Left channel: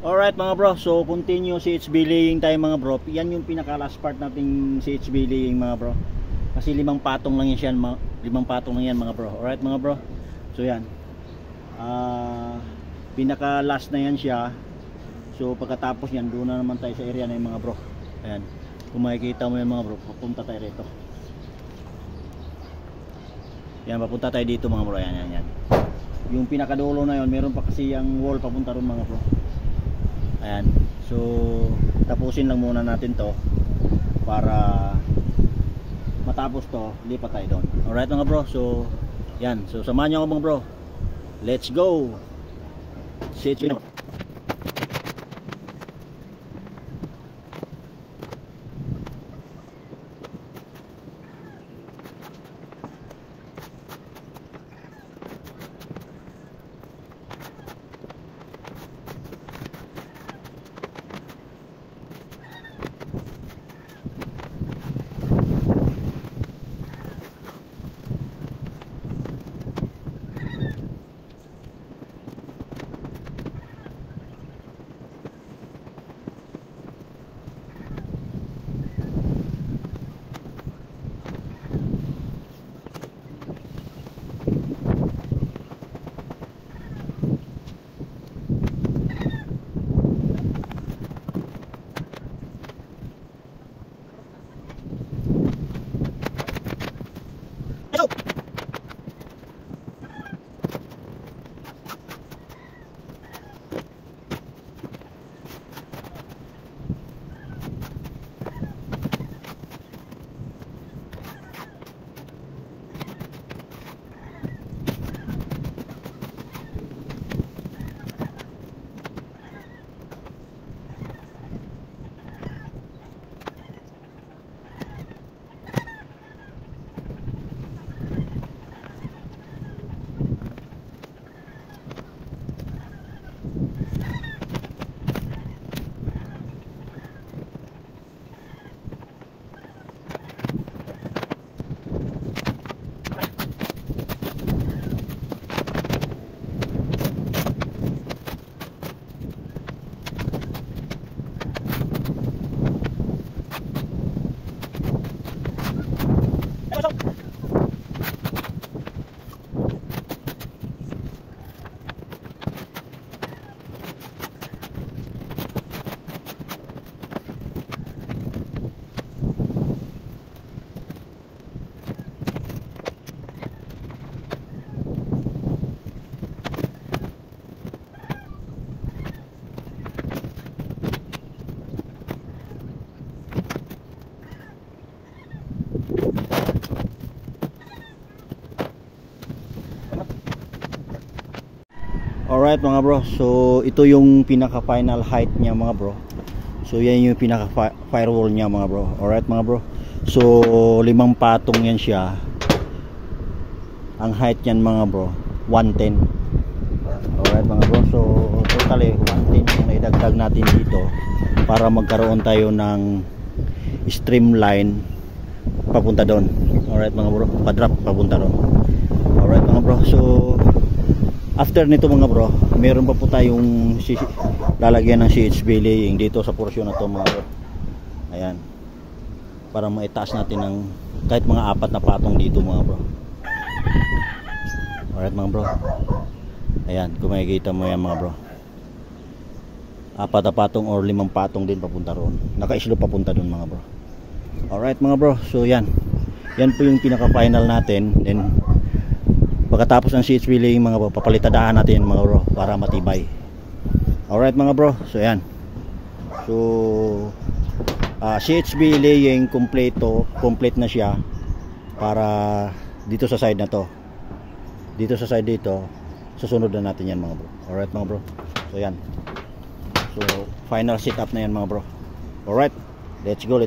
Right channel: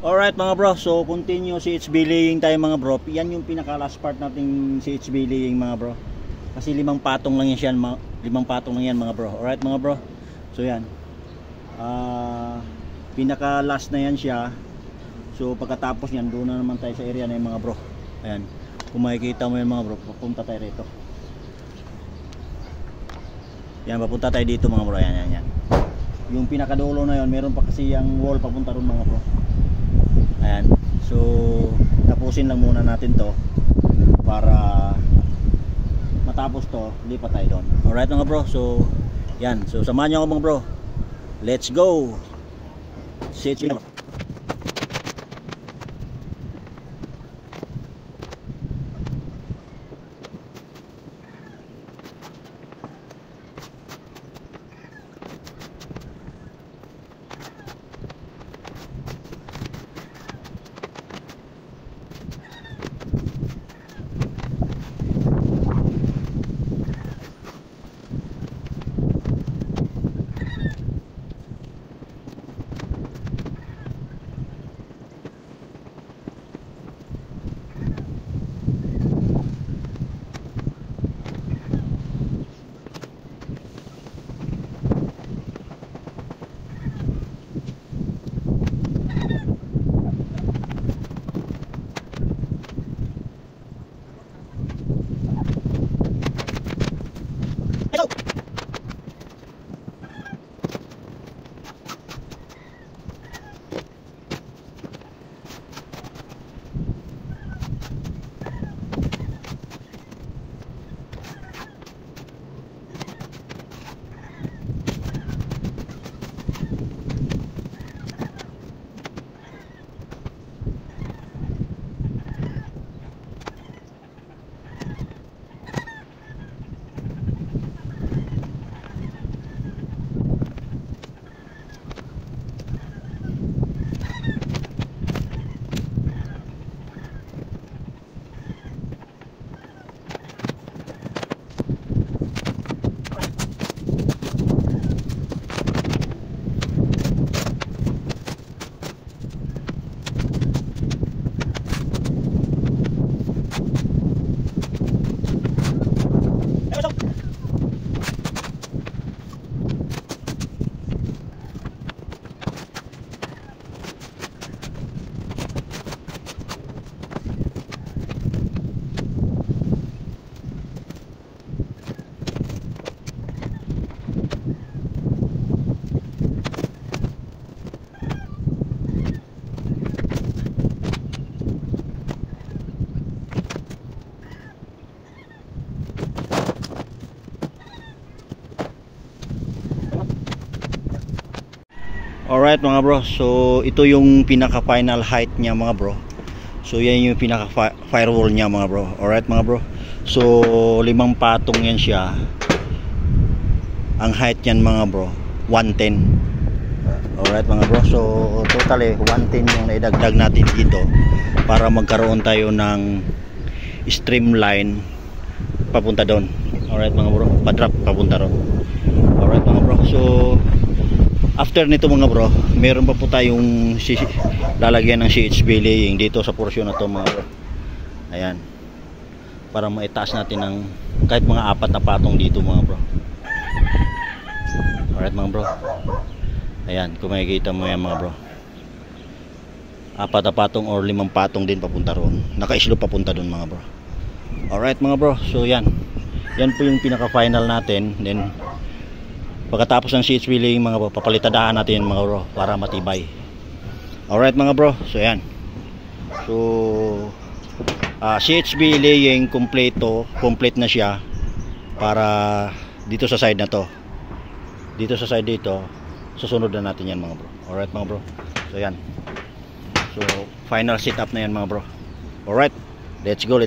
Alright mga bro, so continue CHB laying tayo mga bro. Yan yung pinaka last part nating CHB laying mga bro. Kasi 5 patong lang yan, 5 patong lang yan mga bro. Alright mga bro. So yan. Pinaka last na yan siya. So pagkatapos yan, doon na naman tayo sa area na yung mga bro. Ayan. Kung makikita mo yan mga bro, papunta tayo rito. Yan, papunta tayo dito mga bro. Yan. Yung pinakadulo na yon, meron pa kasi yung wall papunta ron mga bro. Ayan. So tapusin lang muna natin to para matapos to, lipat tayo doon. Alright mga bro, so yan. So samahan nyo ako mga bro. Let's go. See you. Alright mga bro, so ito yung pinaka final height niya mga bro. So yan yung pinaka firewall niya mga bro. Alright mga bro, so 5 patong yan siya. Ang height yan mga bro 110. Alright mga bro, so totally 110 yung naidagdag natin dito para magkaroon tayo ng streamline papunta doon. Alright mga bro, pa-drop papunta doon. Alright mga bro, so after nito mga bro, meron pa po tayong lalagyan ng CHB laying dito sa portion na to mga bro. Ayan. Para maitaas natin ng kahit mga 4 na patong dito mga bro. Alright mga bro. Ayan, kung makikita mo yan mga bro. 4 na patong or 5 patong din papunta roon. Naka-islo papunta doon mga bro. Alright mga bro, so yan. Yan po yung pinaka final natin. Then pagkatapos ng CHB laying mga bro, papalitadahan natin mga bro para matibay. Alright mga bro, so yan. So CHB laying complete na siya para dito sa side na to. Dito sa side dito, susunod na natin yan mga bro. Alright mga bro, so yan. So final setup na yan mga bro. Alright, let's go.